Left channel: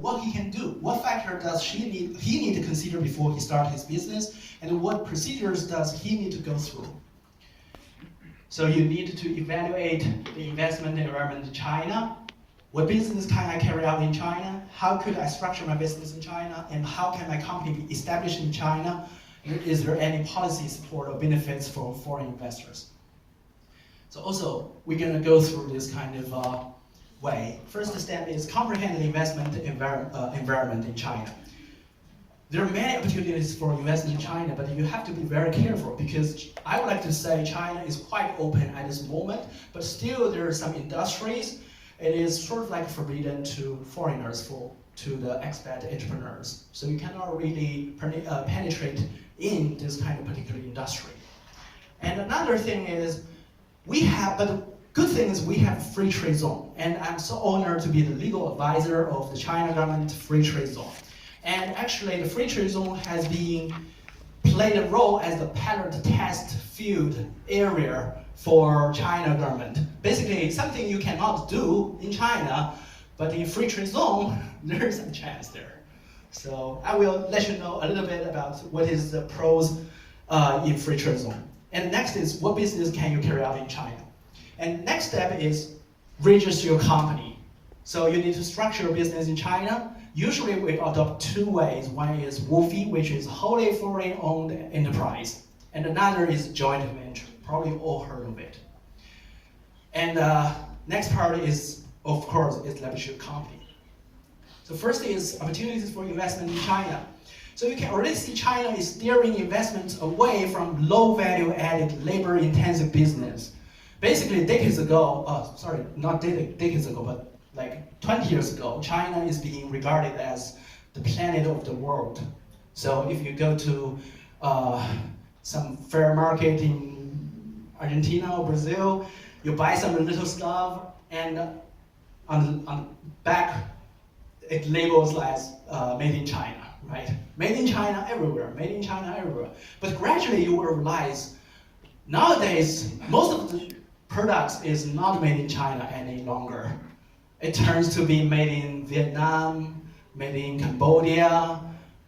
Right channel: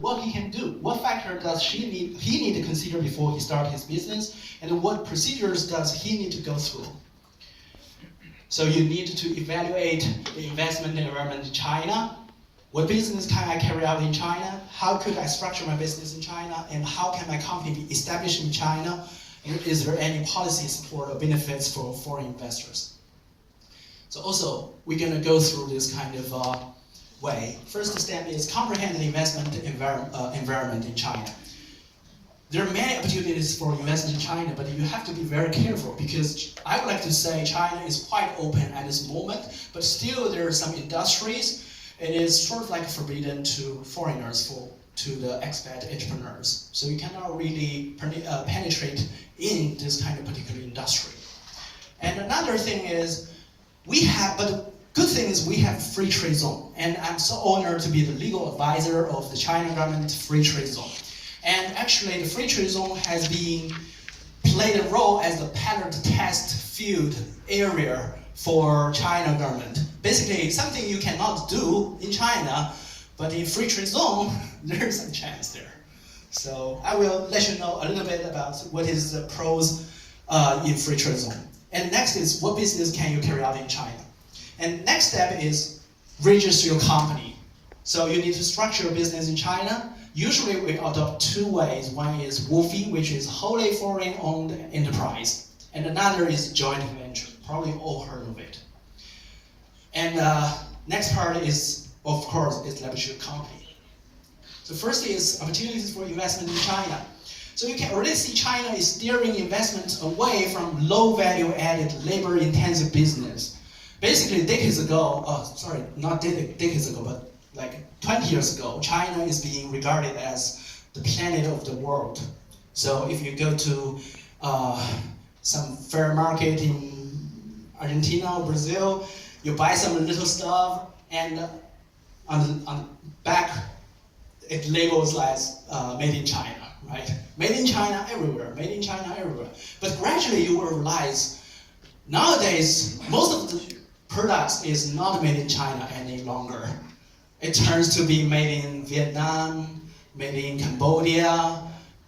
what he can do. What factor does he need to consider before he starts his business, and what procedures does he need to go through? So you need to evaluate the investment environment in China. What business can I carry out in China? How could I structure my business in China? And how can my company be established in China? And is there any policy support or benefits for foreign investors? So also, we're going to go through this kind of way. First step is comprehend the investment environment in China. There are many opportunities for investment in China, but you have to be very careful because I would like to say China is quite open at this moment, but still there are some industries. It is sort of like forbidden to foreigners, to the expat entrepreneurs. So you cannot really penetrate in this kind of particular industry. And another thing is, but the good thing is we have free trade zone. And I'm so honored to be the legal advisor of the China government free trade zone. And actually the free trade zone has been played a role as the pilot test field area for China government. Basically, something you cannot do in China, but in free trade zone, there's a chance there. So I will let you know a little bit about what is the pros in free trade zone. And next is, what business can you carry out in China? And next step is register your company. So you need to structure your business in China. Usually we adopt two ways. One is WFOE, which is wholly foreign-owned enterprise. And another is joint venture. Probably all heard of it. And next part is, of course, establish your company. So first is opportunities for investment in China. So you can already see China is steering investments away from low value added labor intensive business. Basically decades ago, not decades ago, but like 20 years ago, China is being regarded as the planet of the world. So if you go to some fair market in Argentina or Brazil, you buy some little stuff, and on the back it labels like made in China, right? Made in China everywhere, made in China everywhere. But gradually you will realize nowadays most of the products is not made in China any longer. It turns to be made in Vietnam, made in Cambodia,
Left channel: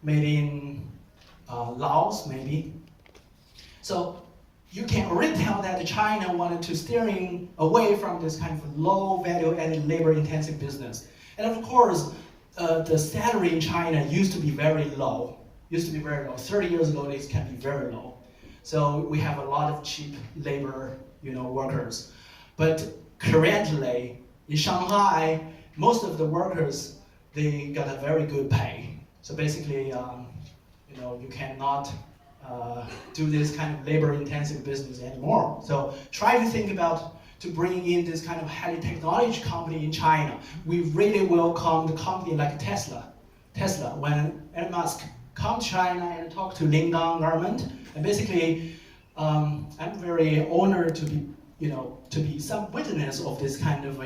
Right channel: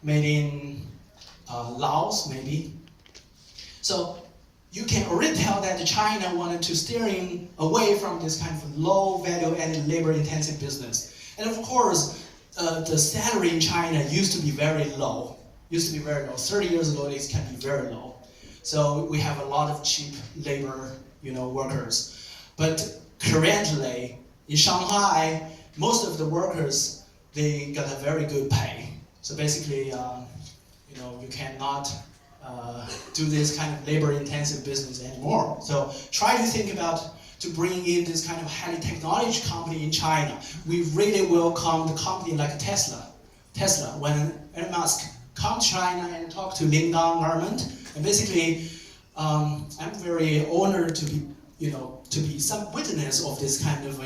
made in Laos maybe. So you can already tell that China wanted to steering away from this kind of low value added labor intensive business. And of course, the salary in China used to be very low. 30 years ago, it can be very low. So we have a lot of cheap labor, workers. But currently, in Shanghai, most of the workers, they got a very good pay. So basically, you cannot do this kind of labor-intensive business anymore. So try to think about to bring in this kind of highly technology company in China. We really welcome the company like Tesla. When Elon Musk come to China and talk to Lingang government, and basically, I'm very honored to be some witness of this kind of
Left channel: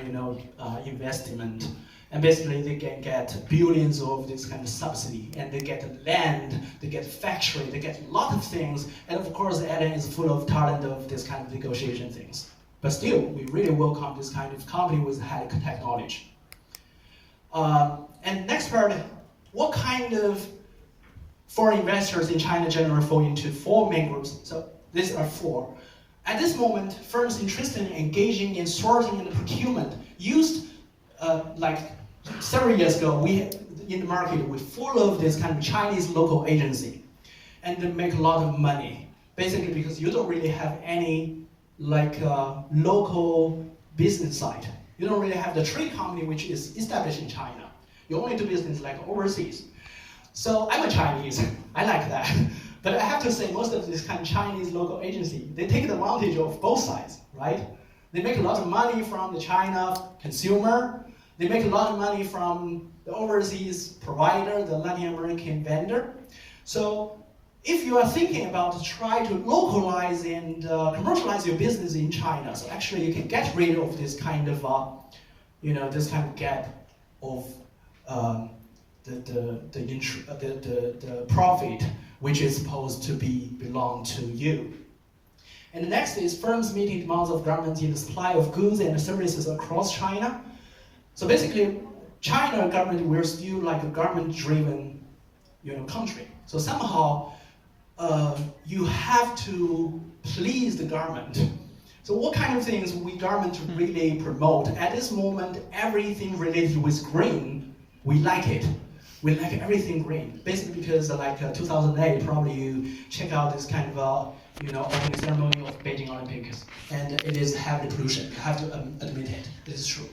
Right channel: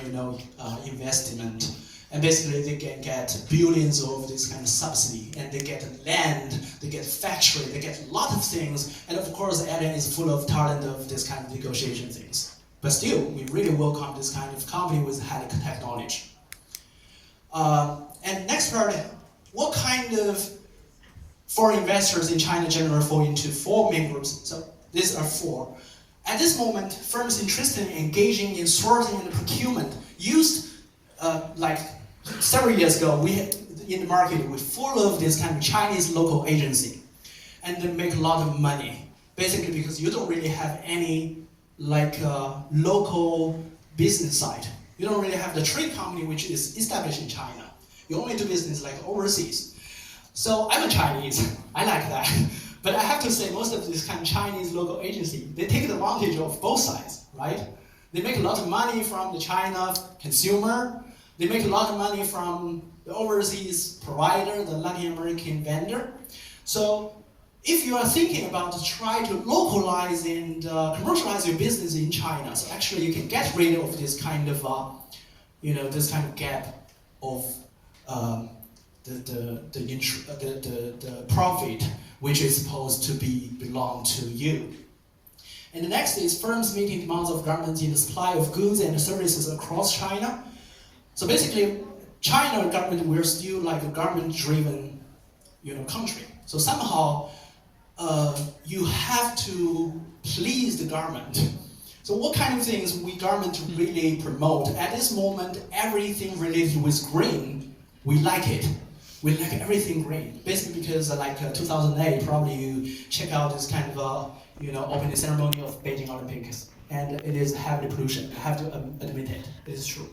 investment. And basically they can get billions of this kind of subsidy, and they get land, they get factory, they get a lot of things, and of course Elon is full of talent of this kind of negotiation things. But still, we really welcome this kind of company with high technology. And next part, what kind of foreign investors in China generally fall into four main groups. So these are four. At this moment, firms interested in engaging in sourcing and procurement used like several years ago, in the market, we're full of this kind of Chinese local agency, and they make a lot of money. Basically because you don't really have any local business side. You don't really have the trade company which is established in China. You only do business like overseas. So I'm a Chinese, I like that. But I have to say most of this kind of Chinese local agency, they take advantage of both sides, right? They make a lot of money from the China consumer. They make a lot of money from the overseas provider, the Latin American vendor. So if you are thinking about to try to localize and commercialize your business in China, so actually you can get rid of this kind of, this kind of gap of the profit which is supposed to belong to you. And the next is firms meeting demands of governments in the supply of goods and services across China. So basically, China government, we're still like a government-driven, country. So somehow, you have to please the government. So what kind of things we government really promote? At this moment, everything related with green, we like it. We like everything green. Basically because 2008, probably you check out this kind of opening ceremony of Beijing Olympics, and it is heavily pollution. You have to admit it. It is true.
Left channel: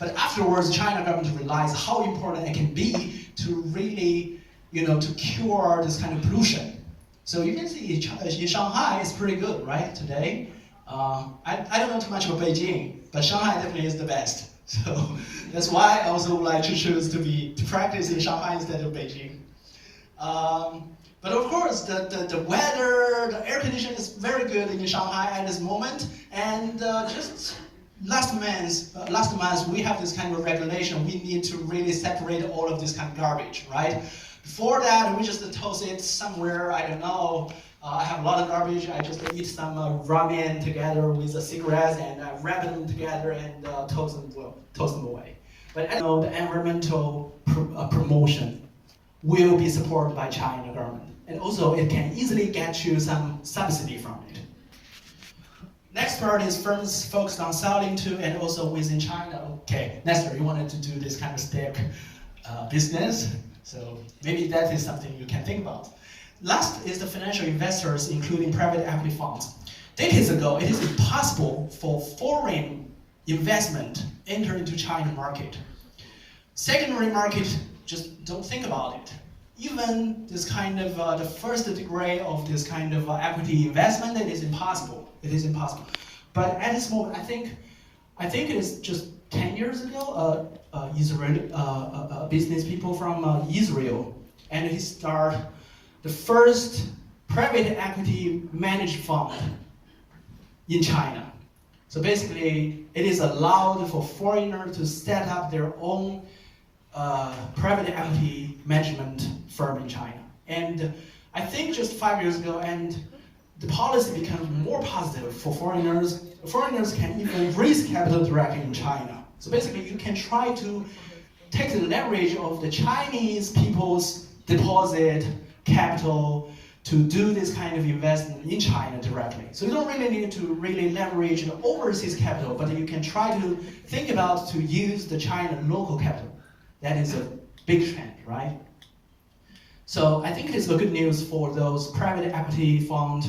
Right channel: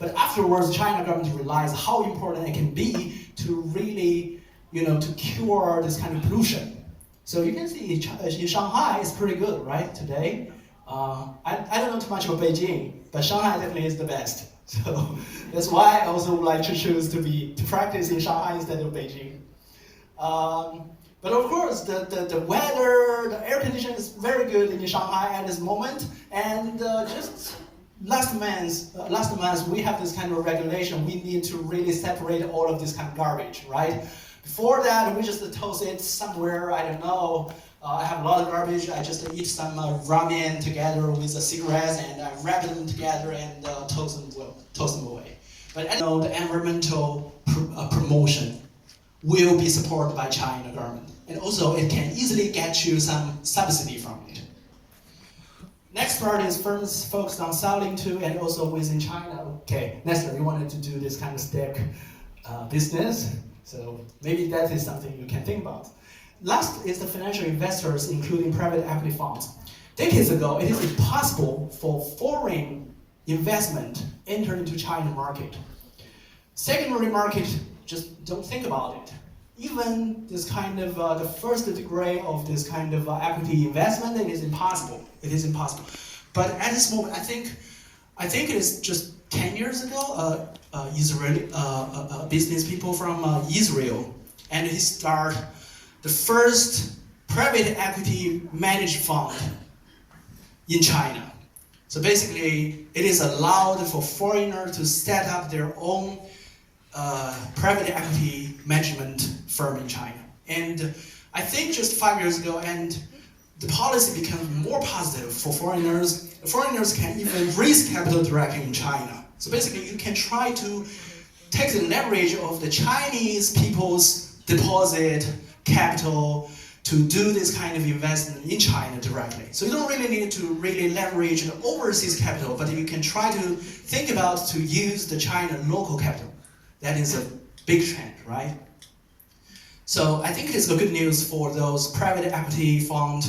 But afterwards, China government realized how important it can be to really, to cure this kind of pollution. So you can see in Shanghai, it's pretty good, right, today. I don't know too much about Beijing, but Shanghai definitely is the best. So that's why I also like to choose to practice in Shanghai instead of Beijing. But of course, the weather, the air conditioning is very good in Shanghai at this moment. And just last month, we have this kind of regulation. We need to really separate all of this kind of garbage, right? Before that, we just toss it somewhere, I don't know. I have a lot of garbage. I just eat some ramen together with the cigarettes, and I wrap them together and toss them away. But I know the environmental promotion will be supported by China government, and also it can easily get you some subsidy from it. Next part is firms focused on selling to and also within China. Okay, Nestor, you wanted to do this kind of stick business, so maybe that is something you can think about. Last is the financial investors, including private equity funds. Decades ago, it is impossible for foreign investment enter into China market. Secondary market, just don't think about it. Even this kind of the first degree of this kind of equity investment, it is impossible. It is impossible. But at this moment, I think it is just 10 years ago, Israeli business people from Israel, and he started the first private equity managed fund in China. So basically, it is allowed for foreigners to set up their own private equity management firm in China. And I think just 5 years ago, and the policy becomes more positive for foreigners. Foreigners can even raise capital directly in China. So basically, you can try to take the leverage of the Chinese people's deposit capital to do this kind of investment in China directly. So you don't really need to really leverage the overseas capital, but you can try to think about to use the China local capital. That is a big trend, right? So I think it is a good news for those private equity fund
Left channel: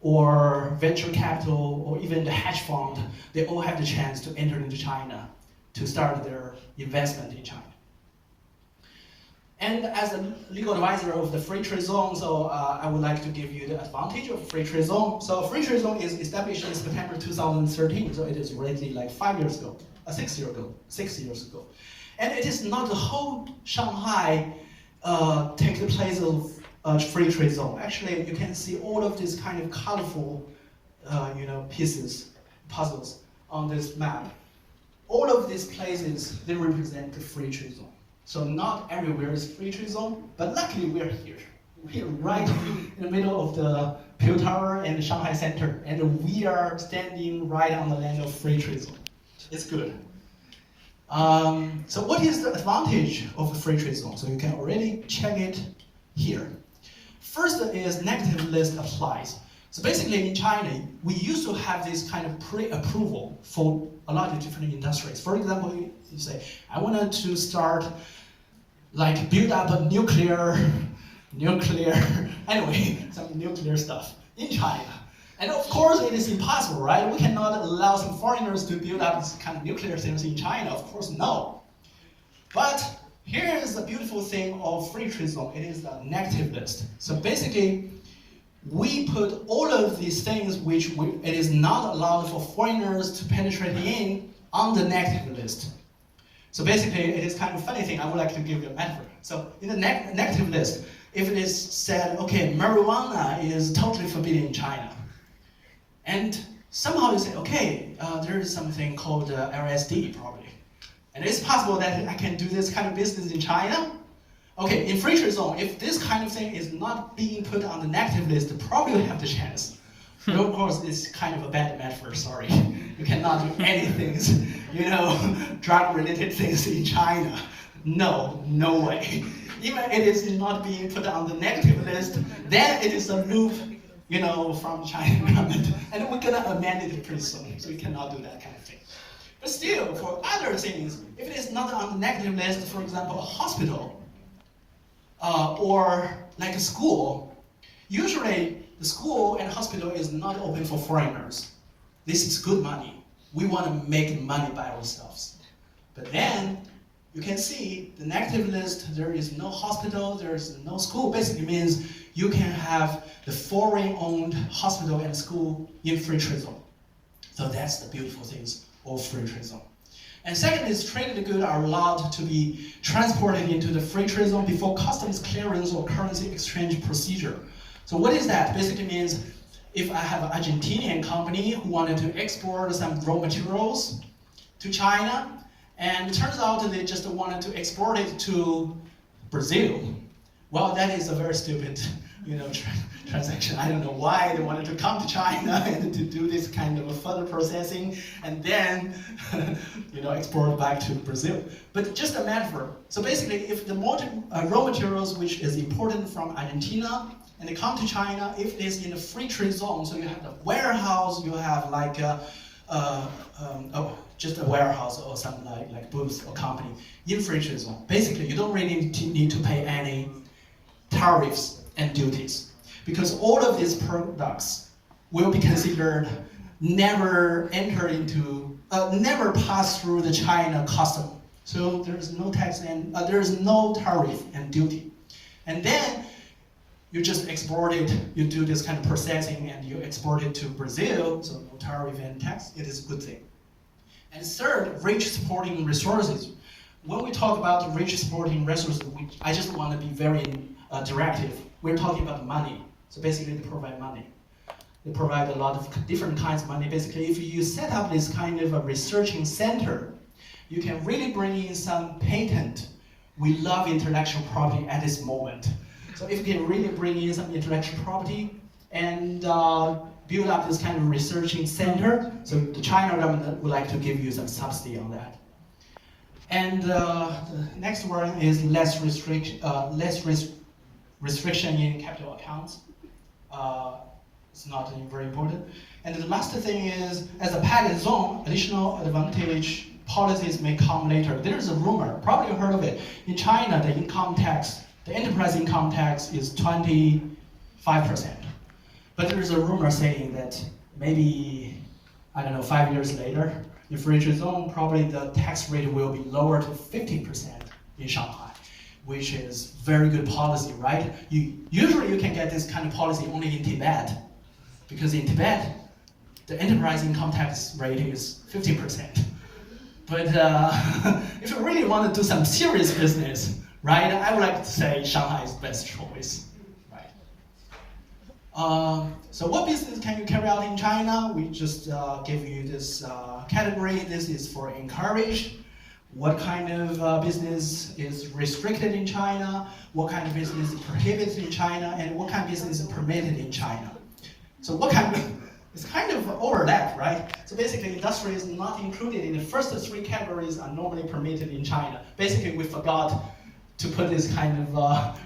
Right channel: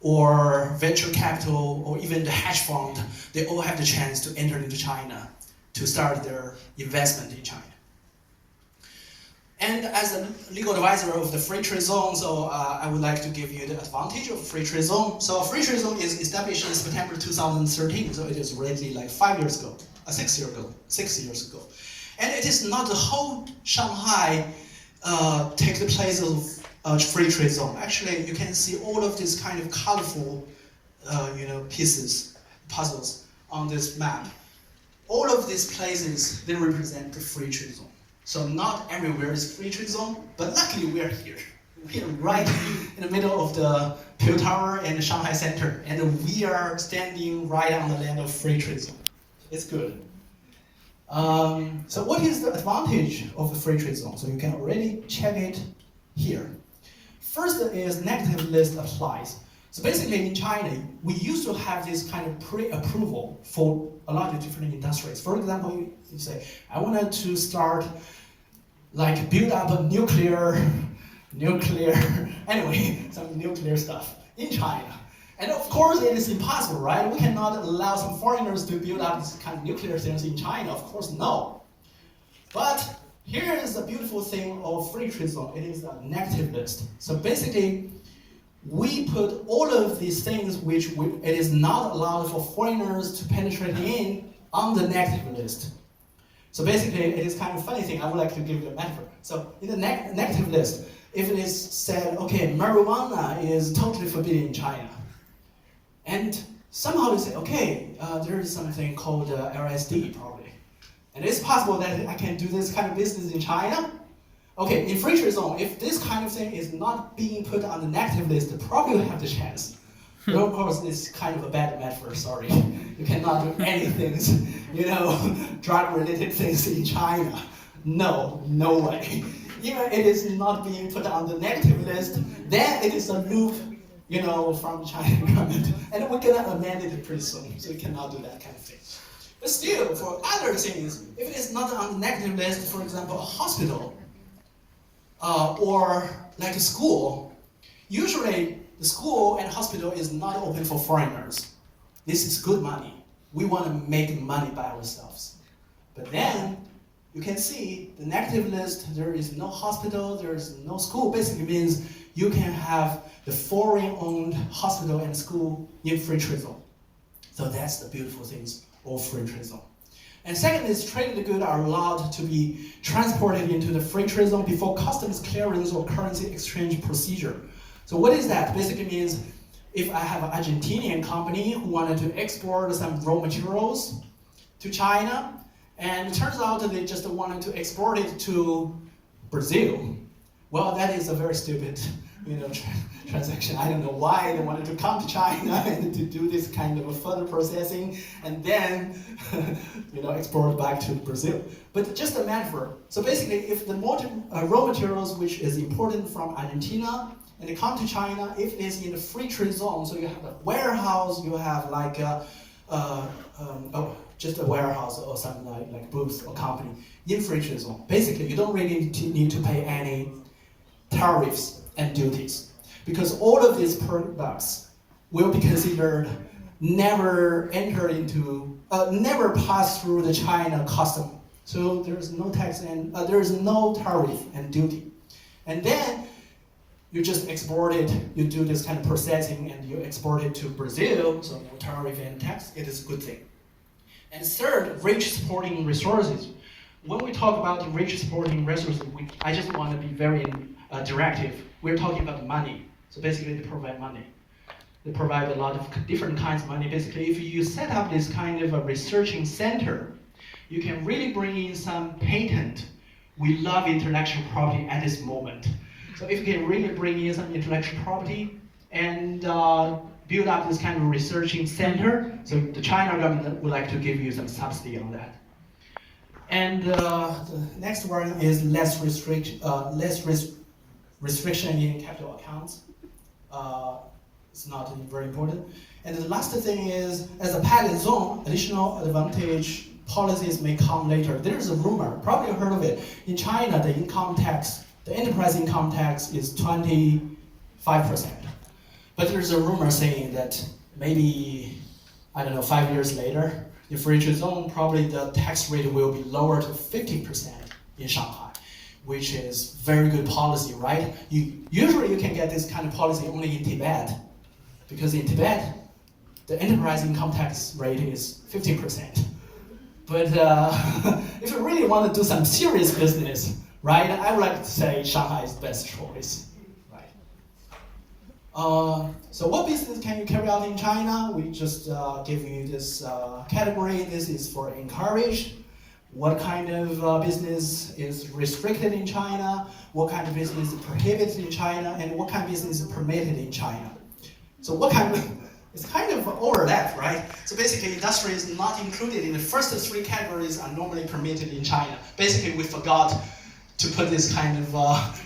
or venture capital or even the hedge fund. They all have the chance to enter into China to start their investment in China. And as a legal advisor of the Free Trade Zone, so I would like to give you the advantage of Free Trade Zone. So Free Trade Zone is established in September 2013, so it is already like 5 years ago, 6 years ago. And it is not the whole Shanghai take the place of Free Trade Zone. Actually, you can see all of these kind of colorful, puzzles on this map. All of these places, they represent the Free Trade Zone. So not everywhere is Free Trade Zone, but luckily we're here. We're right in the middle of the Pearl Tower and the Shanghai Center, and we are standing right on the land of Free Trade Zone. It's good. So what is the advantage of the Free Trade Zone? So you can already check it here. First is negative list applies. So basically in China, we used to have this kind of pre-approval for a lot of different industries. For example, you say, I wanted to start, build up a nuclear, anyway, some nuclear stuff in China. And of course, it is impossible, right? We cannot allow some foreigners to build up this kind of nuclear things in China. Of course, no. But here is the beautiful thing of Free Trade Zone. It is a negative list. So basically, we put all of these things which it is not allowed for foreigners to penetrate in on the negative list. So basically, it is kind of funny thing. I would like to give you a metaphor. So in the negative list, if it is said, okay, marijuana is totally forbidden in China, and somehow you say, okay, there is something called LSD probably, and it's possible that I can do this kind of business in China. Okay, in Free Trade Zone, if this kind of thing is not being put on the negative list, probably you have the chance. But of course, it's kind of a bad metaphor, sorry. You cannot do anything, drug-related things in China. No, no way. Even it is not being put on the negative list, then it is a loop, from China government. And we're gonna amend it pretty soon, so we cannot do that kind of thing. But still, for other things, if it is not on the negative list, for example, a hospital, or like a school, usually the school and hospital is not open for foreigners. This is good money. We want to make money by ourselves. But then, you can see the negative list, there is no hospital, there is no school. Basically means you can have the foreign-owned hospital and school in free trade zone. So that's the beautiful things of free trade zone. And second is traded goods are allowed to be transported into the free trade zone before customs clearance or currency exchange procedure. So what is that? Basically means if I have an Argentinian company who wanted to export some raw materials to China, and it turns out that they just wanted to export it to Brazil, well, that is a very stupid transaction. I don't know why they wanted to come to China and to do this kind of further processing and then export back to Brazil. But just a metaphor. So basically, if the raw materials which is imported from Argentina and they come to China, if it is in the free trade zone, so you have the warehouse, you have like just a warehouse or something like booth or company in free trade zone. Basically, you don't really need to pay any tariffs and duties, because all of these products will be considered never pass through the China custom. So there's no tax and there's no tariff and duty. And then you just export it, you do this kind of processing and you export it to Brazil, so no tariff and tax, it is a good thing. And third, rich supporting resources. When we talk about rich supporting resources, I just want to be very directive. We're talking about money. So basically they provide money. They provide a lot of different kinds of money. Basically, if you set up this kind of a researching center, you can really bring in some patent. We love intellectual property at this moment. So if you can really bring in some intellectual property and build up this kind of researching center, so the China government would like to give you some subsidy on that. And the next one is less restriction in capital accounts. It's not very important. And the last thing is, as a pilot zone, additional advantage policies may come later. There's a rumor, probably heard of it. In China, the income tax, the enterprise income tax is 25%. But there's a rumor saying that maybe, 5 years later, in free trade zone, probably the tax rate will be lower to 50% in Shanghai, which is very good policy, right? Usually you can get this kind of policy only in Tibet, because in Tibet, the enterprise income tax rate is 15%. But if you really want to do some serious business, right, I would like to say Shanghai is the best choice. So what business can you carry out in China? We just give you this category. This is for encouraged. What kind of business is restricted in China? What kind of business is prohibited in China? And what kind of business is permitted in China? So what kind of, it's kind of overlap, right? So basically industry is not included in the first three categories are normally permitted in China. Basically we forgot to put this kind of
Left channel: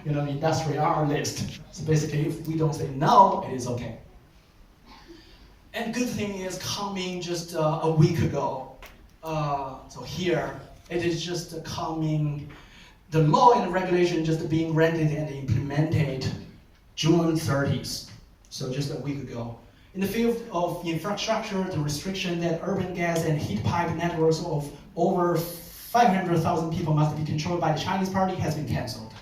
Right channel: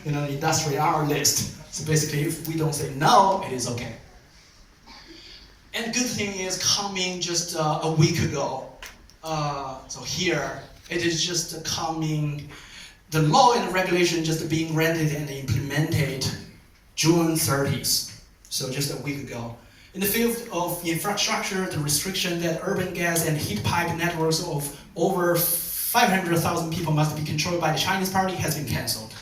industry on our list. So basically, if we don't say no, it is okay. And good thing is coming just a week ago. So here, it is just coming, the law and regulation just being granted and implemented June 30th. So just a week ago. In the field of infrastructure, the restriction that urban gas and heat pipe networks of over 500,000 people must be controlled by the Chinese party has been cancelled.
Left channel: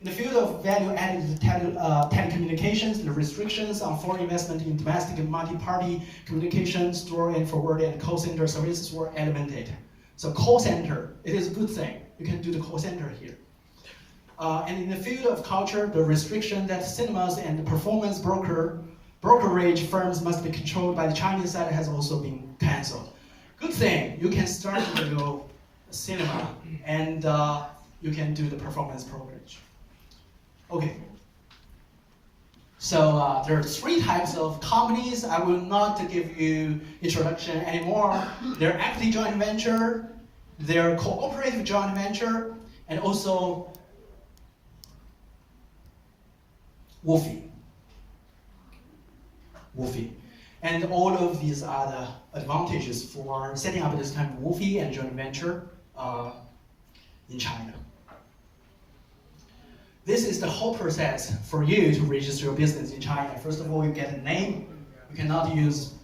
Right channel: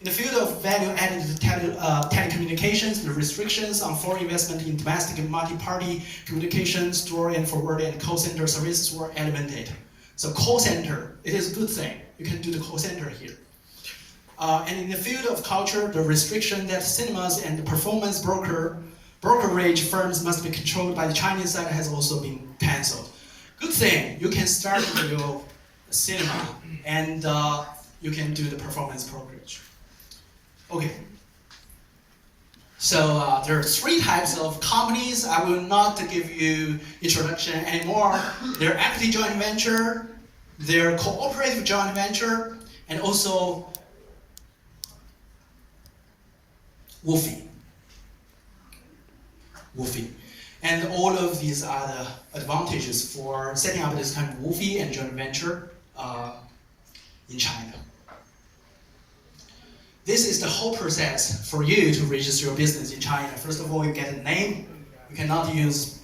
In the field of value-added telecommunications, the restrictions on foreign investment in domestic and multi-party communications, store and forward and call center services were eliminated. So call center, it is a good thing. You can do the call center here. And in the field of culture, the restriction that cinemas and the performance brokerage firms must be controlled by the Chinese side has also been cancelled. Good thing, you can start with your cinema and you can do the performance brokerage. Okay. So there are three types of companies. I will not give you introduction anymore. They're equity joint venture, they're cooperative joint venture, and also WOFE. And all of these are the advantages for setting up this kind of WOFE and joint venture in China. This is the whole process for you to register your business in China. First of all, you get a name. You cannot use